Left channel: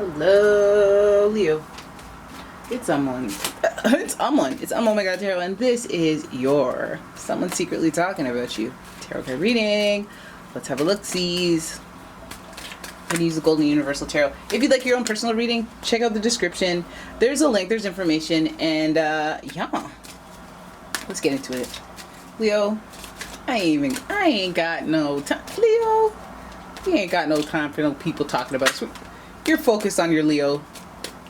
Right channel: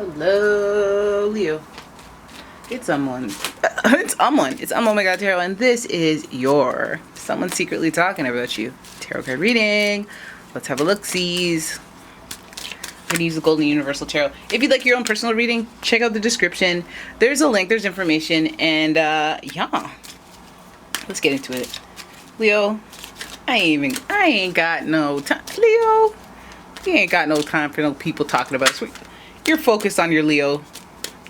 Hello, Leo. It's someone. It's umomgtarot, and this is your someone secretly talking about you tarot card reading. Let's have a look-sees. I'm gonna use the Golden Universal Tarot. If you'd like your own personal reading, check out the description. There's a link. There's information, and yeah, let's get into it. Leo, I ain't got no time. Leo, you ain't got no time for no people talking about us. You're focused on your Leo,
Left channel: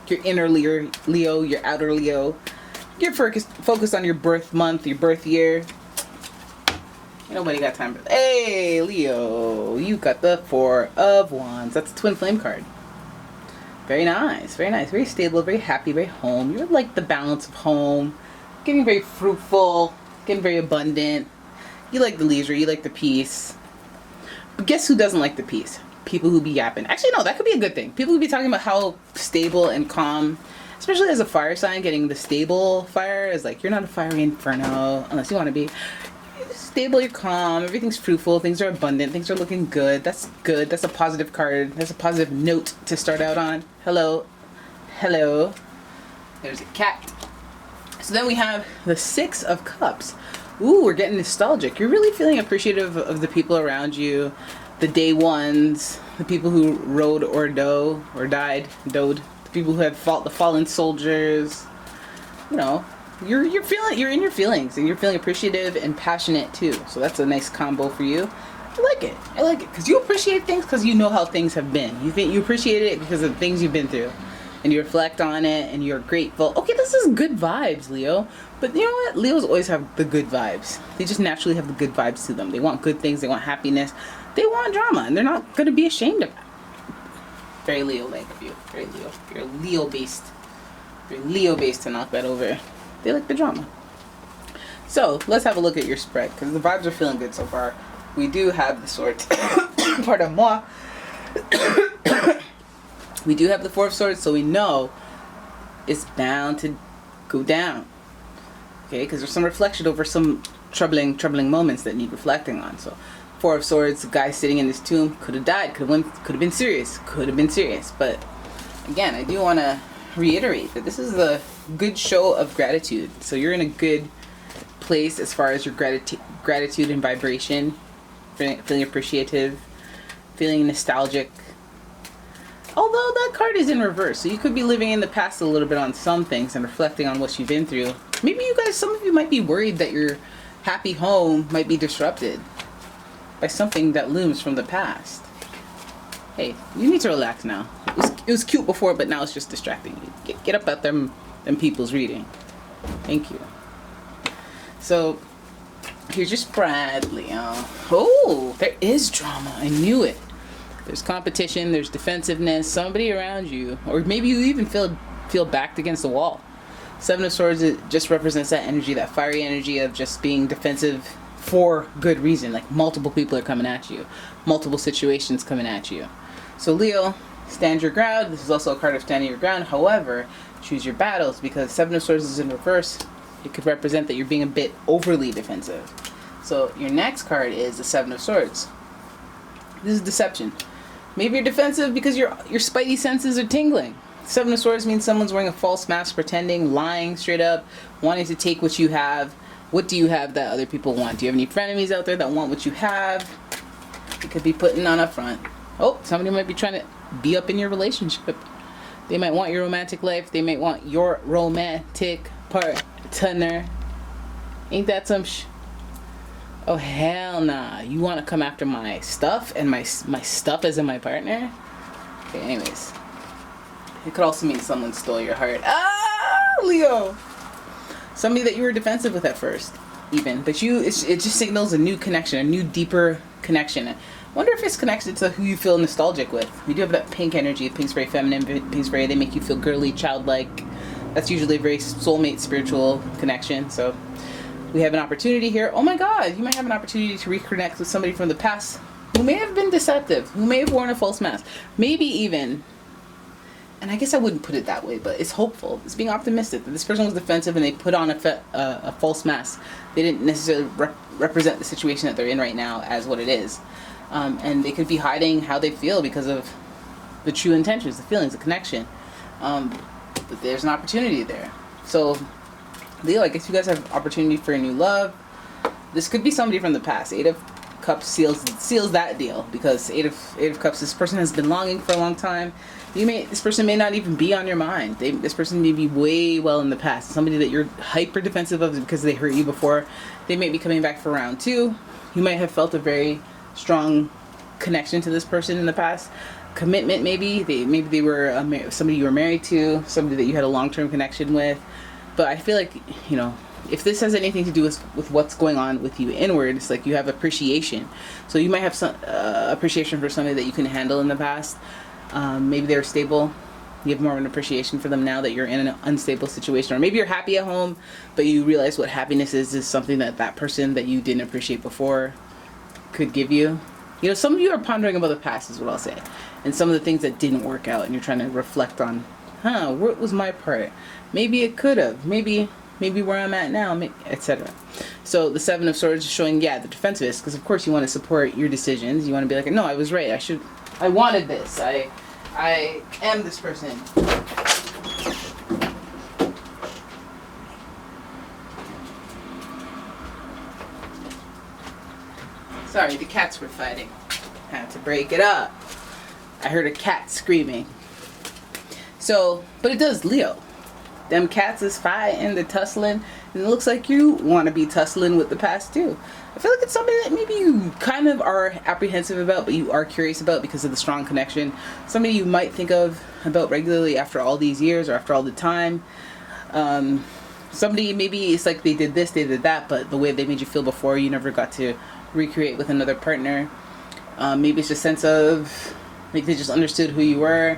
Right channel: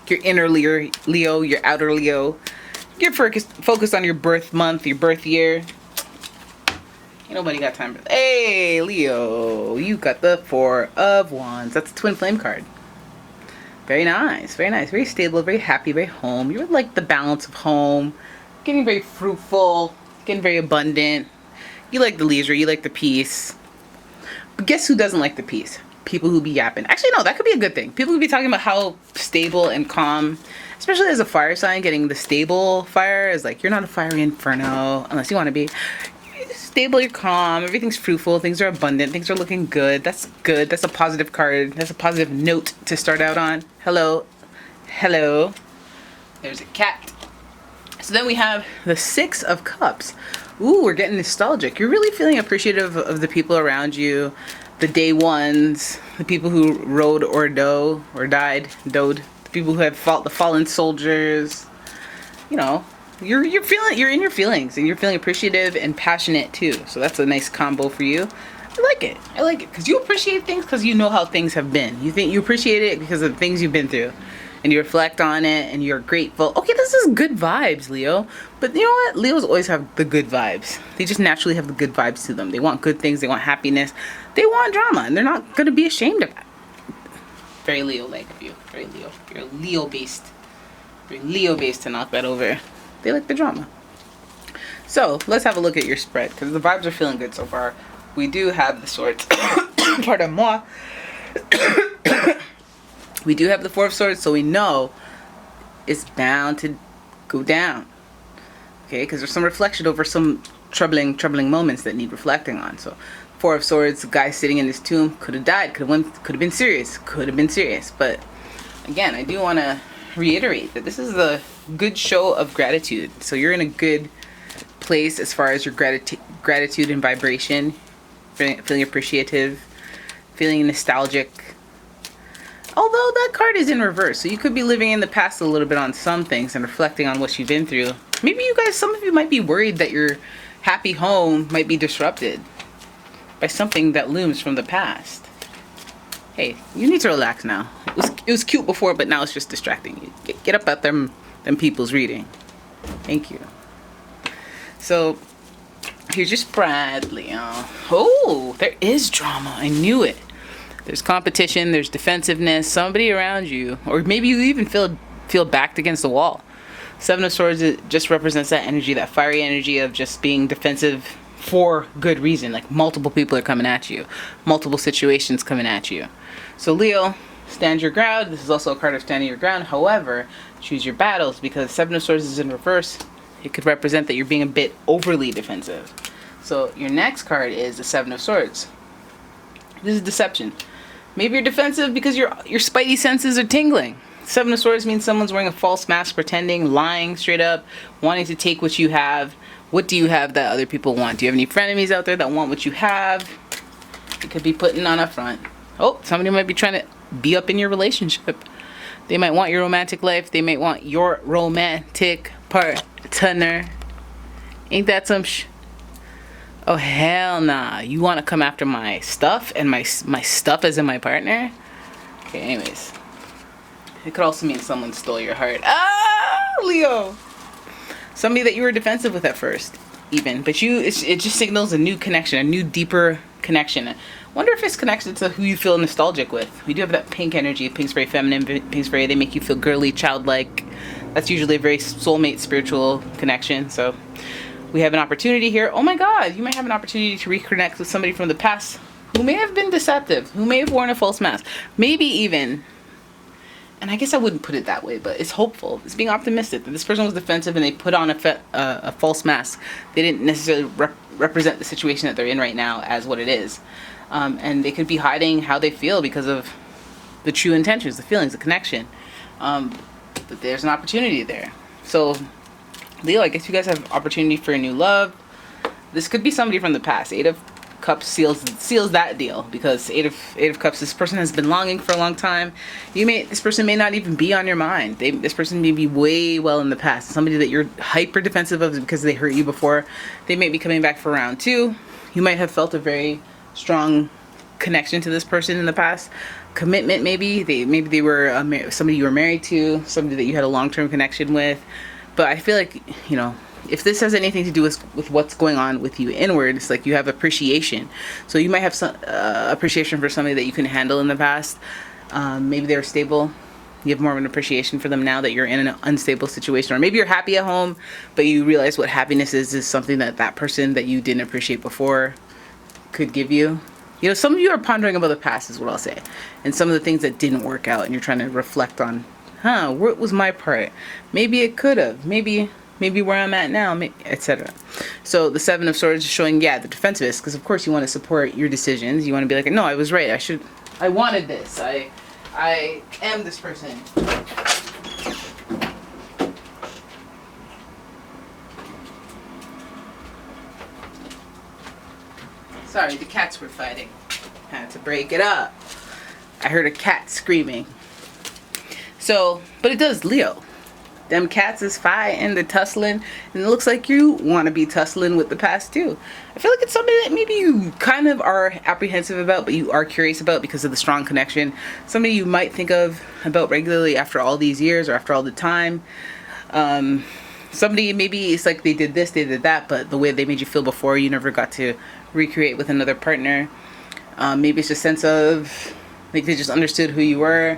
your inner Leo, your outer Leo. You're focused on your birth month, your birth year. Ain't nobody got time for that. Hey, Leo, you got the Four of Wands. That's a twin flame card. Very nice, very nice. Very stable, very happy, very home. You're like the balance of home. Getting very fruitful, getting very abundant. You like the leisure, you like the peace. But guess who doesn't like the peace? People who be yapping. Actually, no, that could be a good thing. People who be talking about how stable and calm, especially as a fire sign, getting the stable fire is like, you're not a fiery inferno, unless you want to be. You're stable, you're calm, everything's fruitful, things are abundant, things are looking good. That's good. That's a positive card. That's a positive note to start out on. Hello. Hello. There's a cat. So then we have the Six of Cups. Ooh, we're getting nostalgic. You're really feeling appreciative of the people around you. The day ones, the people who rode or died, the people who have fought the fallen soldiers. You know, you're in your feelings, and you're feeling appreciative and passionate too. So that's a nice combo for you. I like it because you appreciate things because you know how things have been. You think you appreciate it because of the things you've been through, and you reflect on it, and you're grateful. Okay, this is good vibes, Leo. But you know what? Leos always have the good vibes. They just naturally have the good vibes to them. They want good things. They want happiness. They want drama, and they're not going to be ashamed of it. Very Leo-like of you. Very Leo. You're Leo-based. You're Leo-based to knock that over. They like the drama. So, let's have a look at your spread, because the vibes are feeling good so far. We do have the Swords. Pardon moi. We do have the Four of Swords, so we know it's bound to go down. Okay, because there's some reflection over some troubling moments that need reflecting on. So, Four of Swords, the guy sitting in his tomb, could have died, could have been serious. But again, I do want to reiterate that this is a good show of gratitude. So you're in a good place as far as your gratitude and vibration, feeling appreciative, feeling nostalgic. Although that card is in reverse, so you could be living in the past a little bit on some things and reflecting on what you've been through. Maybe some of you might be worried that your happy home might be disrupted by something that looms from the past. Hey, you need to relax now. It was cute before, but now it's just distracting you. Get up at them people's reading. Thank you. So here's your spread, Leo. Oh, there is drama. I knew it. There's competition. There's defensiveness. Somebody around you, or maybe you even feel backed against the wall. Seven of Swords, it just represents that energy, that fiery energy of just being defensive for good reason. Like multiple people are coming at you, multiple situations coming at you. So Leo, stand your ground. This is also a card of standing your ground. However, choose your battles, because Seven of Swords is in reverse. It could represent that you're being a bit overly defensive. So your next card is the Seven of Swords. This is deception. Maybe you're defensive because your spidey senses are tingling. Seven of Swords means someone's wearing a false mask, pretending, lying straight up, wanting to take what you have. What do you have that other people want? Do you have any frenemies out there that want what you have? You could be putting on a front. Oh, somebody might be trying to be up in your relationship. They might want your romantic life. They might want your romantic partner. Ain't that some Oh, hell nah. You want to come after my stuff, and my stuff as in my partner? Okay, anyways. It could also mean someone stole your heart. Ah, Leo! Somebody that you were defensive with at first, even. But it just signals a new connection, a new, deeper connection. Wonder if it's connected to who you feel nostalgic with. We do have that pink energy. Pink's very feminine. Pink's very, they make you feel girly, childlike. That's usually a very soulmate, spiritual connection. So we have an opportunity here. Oh my God, you might have an opportunity to reconnect with somebody from the past who may have been deceptive, who may have worn a false mask. Maybe even, and I guess I wouldn't put it that way, but it's hopeful. It's being optimistic that this person was defensive and they put on a false mask. They didn't necessarily represent the situation that they're in right now as what it is. And they could be hiding how they feel because of the true intentions, the feelings, the connection. But there's an opportunity there. So, Leo, I guess you guys have opportunity for a new love. This could be somebody from the past. Eight of Cups seals that deal, because Eight of Cups, this person has been longing for a long time. This person may not even be on your mind. This person may be way well in the past. Somebody that you're hyper defensive of because they hurt you before. They may be coming back for round two. You might have felt a very strong connection to this person in the past. Commitment, maybe they were somebody you were married to, somebody that you had a long-term connection with. But I feel like, if this has anything to do with what's going on with you inward, it's like you have appreciation. So you might have some appreciation for somebody that you couldn't handle in the past. Maybe they're stable. You have more of an appreciation for them now that you're in an unstable situation. Or maybe you're happy at home, but you realize what happiness is something that person that you didn't appreciate before could give you. Some of you are pondering about the past, is what I'll say. And some of the things that didn't work out, and you're trying to reflect on, what was my part? Maybe it could have. Maybe where I'm at now, etc. So the Seven of Swords is showing, the defensiveness, because of course you want to support your decisions. You want to be like, no, I was right. I wanted this. I am this person. Sorry, the cats were fighting. Had to break it up. I heard a cat screaming. So, but it does, Leo. Them cats is fighting, they're tussling, and it looks like you want to be tussling with the past too. I feel like it's somebody that maybe you kind of are apprehensive about, but you are curious about because of the strong connection. Somebody you might think about regularly after all these years or after all the time. Somebody, maybe it's like they did this, they did that, but the way they made you feel before, you never got to recreate with another partner. Maybe it's a sense of, like, they just understood who you were.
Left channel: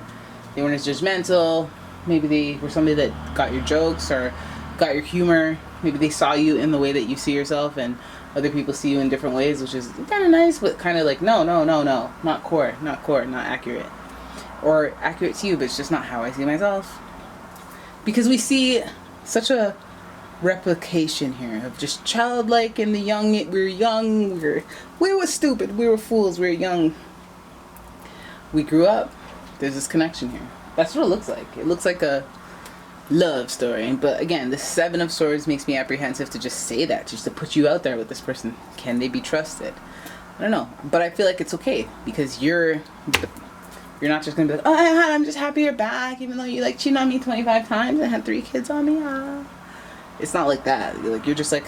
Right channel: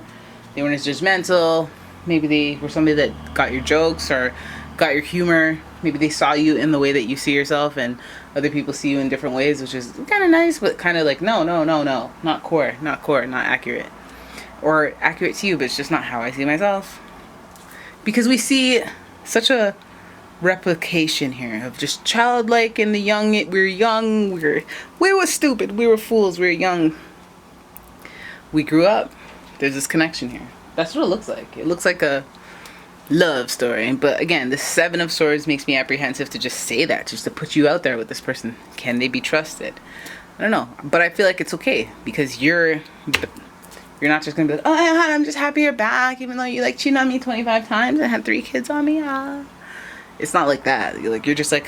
They weren't as judgmental. Maybe they were somebody that got your jokes or got your humor. Maybe they saw you in the way that you see yourself, and other people see you in different ways, which is kind of nice, but kind of like, no, not core, not accurate. Or accurate to you, but it's just not how I see myself. Because we see such a replication here of just childlike and the young. We were young, we were stupid, we were fools, we were young. We grew up. There's this connection here. That's what it looks like. It looks like a love story. But again, the Seven of Swords makes me apprehensive to just say that, just to put you out there with this person. Can they be trusted? I don't know. But I feel like it's okay, because you're not just going to be like, oh, I'm just happy you're back, even though you cheated on me 25 times and had 3 kids on me. It's not like that. You're just like,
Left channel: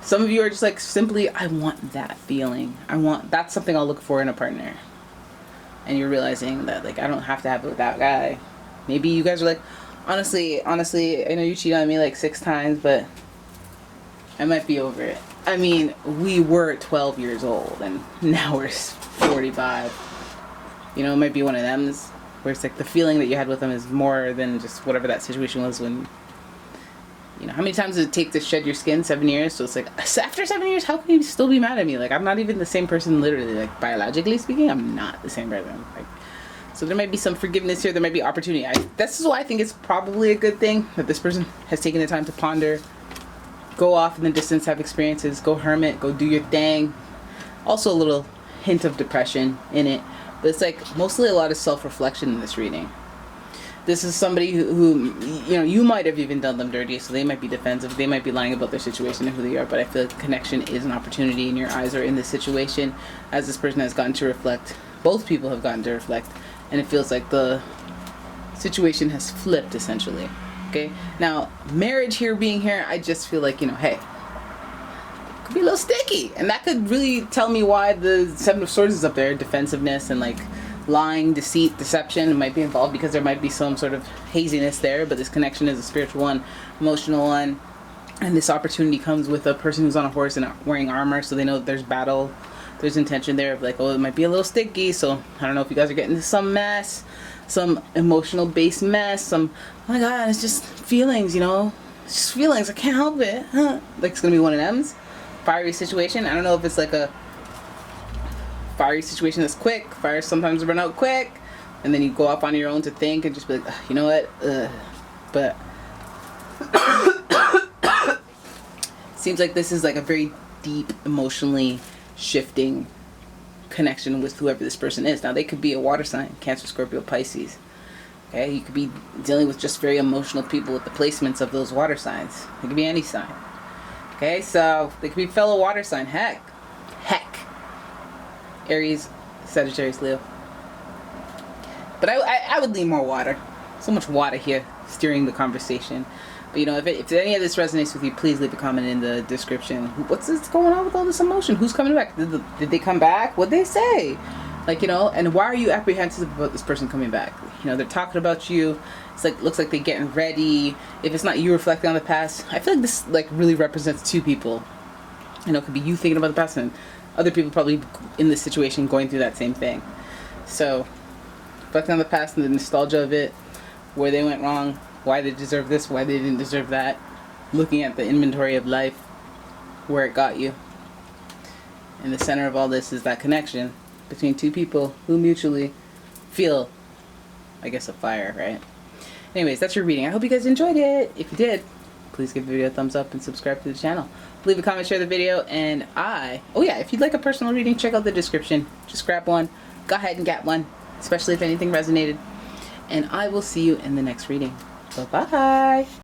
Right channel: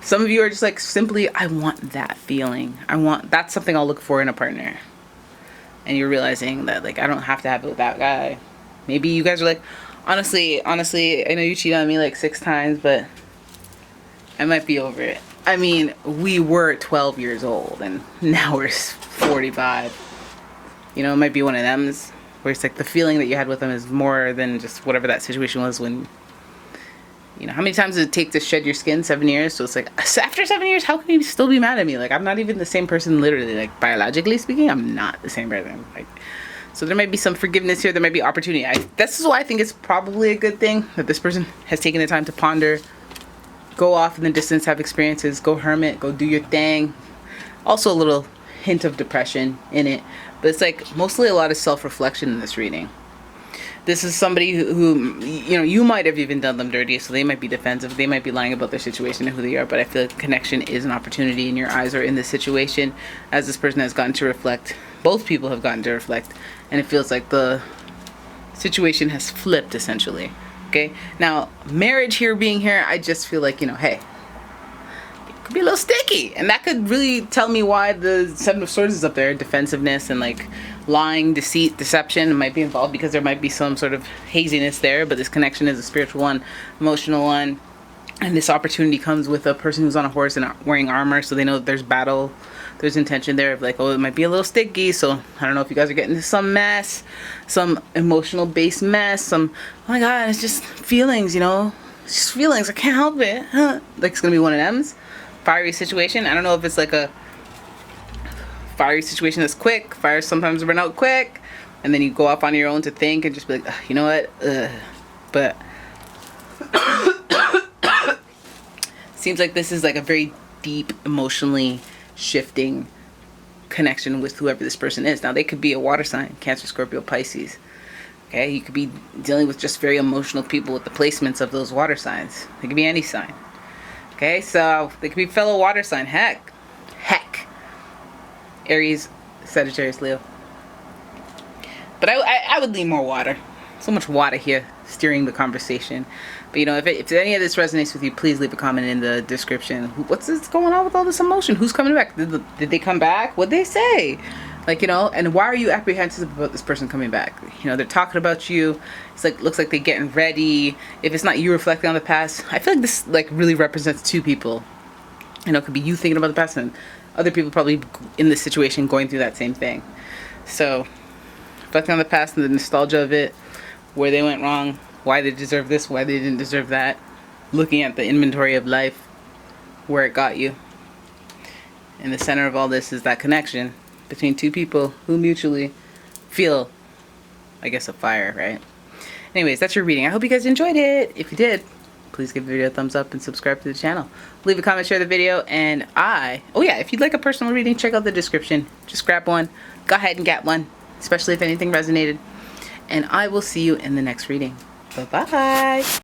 some of you are just like, simply, I want that feeling. That's something I'll look for in a partner. And you're realizing that, I don't have to have it with that guy. Maybe you guys are like, honestly, I know you cheated on me 6 times, but I might be over it. I mean, we were 12 years old, and now we're 45. It might be one of them where it's like the feeling that you had with them is more than just whatever that situation was when, how many times does it take to shed your skin? 7 years. So it's like, after 7 years, how can you still be mad at me? I'm not even the same person, literally. Biologically speaking, I'm not the same person. So there might be some forgiveness here. There might be opportunity. This is why I think it's probably a good thing that this person has taken the time to ponder, go off in the distance, have experiences, go hermit, go do your thing. Also a little hint of depression in it. But it's mostly a lot of self-reflection in this reading. This is somebody who you might have even done them dirty, so they might be defensive. They might be lying about their situation and who they are, but I feel like connection is an opportunity, and your eyes are in this situation as this person has gotten to reflect. Both people have gotten to reflect, and it feels like the situation has flipped, essentially. Okay? Now, marriage being here, I just feel like, hey, it could be a little sticky, and that could really tell me why the Seven of Swords is up there. Defensiveness and, lying, deceit, deception might be involved, because there might be some sort of haziness there, but this connection is a spiritual one, emotional one, and this opportunity comes with a person who's on a horse and wearing armor, so they know that there's battle, there's intention there of it might be a little sticky. So I don't know if you guys are getting into some mess, some emotional based mess, oh my god, it's just feelings, it's just feelings, I can't help it, it's gonna be one of them's fiery situation. I don't know if it's a fiery situation that's quick. Fires sometimes run out quick, and then you go off on your own to think and just be like, you know what? But seems like this is a very deep, emotionally shifting connection with whoever this person is. Now, they could be a water sign, Cancer, Scorpio, Pisces. Okay, you could be dealing with just very emotional people with the placements of those water signs. It could be any sign. Okay, so they could be fellow water sign. Heck. Aries, Sagittarius, Leo. But I would lean more water. So much water here steering the conversation. But if any of this resonates with you, please leave a comment in the description. What's going on with all this emotion? Who's coming back? Did they come back? What'd they say? And why are you apprehensive about this person coming back? They're talking about you. It's looks like they're getting ready. If it's not you reflecting on the past, I feel like this really represents two people. It could be you thinking about the past and other people probably in this situation going through that same thing. So, reflecting on the past and the nostalgia of it, where they went wrong, why they deserve this, why they didn't deserve that, looking at the inventory of life, where it got you. And the center of all this is that connection between two people who mutually feel, I guess, a fire, right? Anyways, that's your reading. I hope you guys enjoyed it. If you did, please give the video a thumbs up and subscribe to the channel. Leave a comment, share the video, and if you'd like a personal reading, check out the description. Just grab one. Go ahead and get one, especially if anything resonated. And I will see you in the next reading. Bye-bye.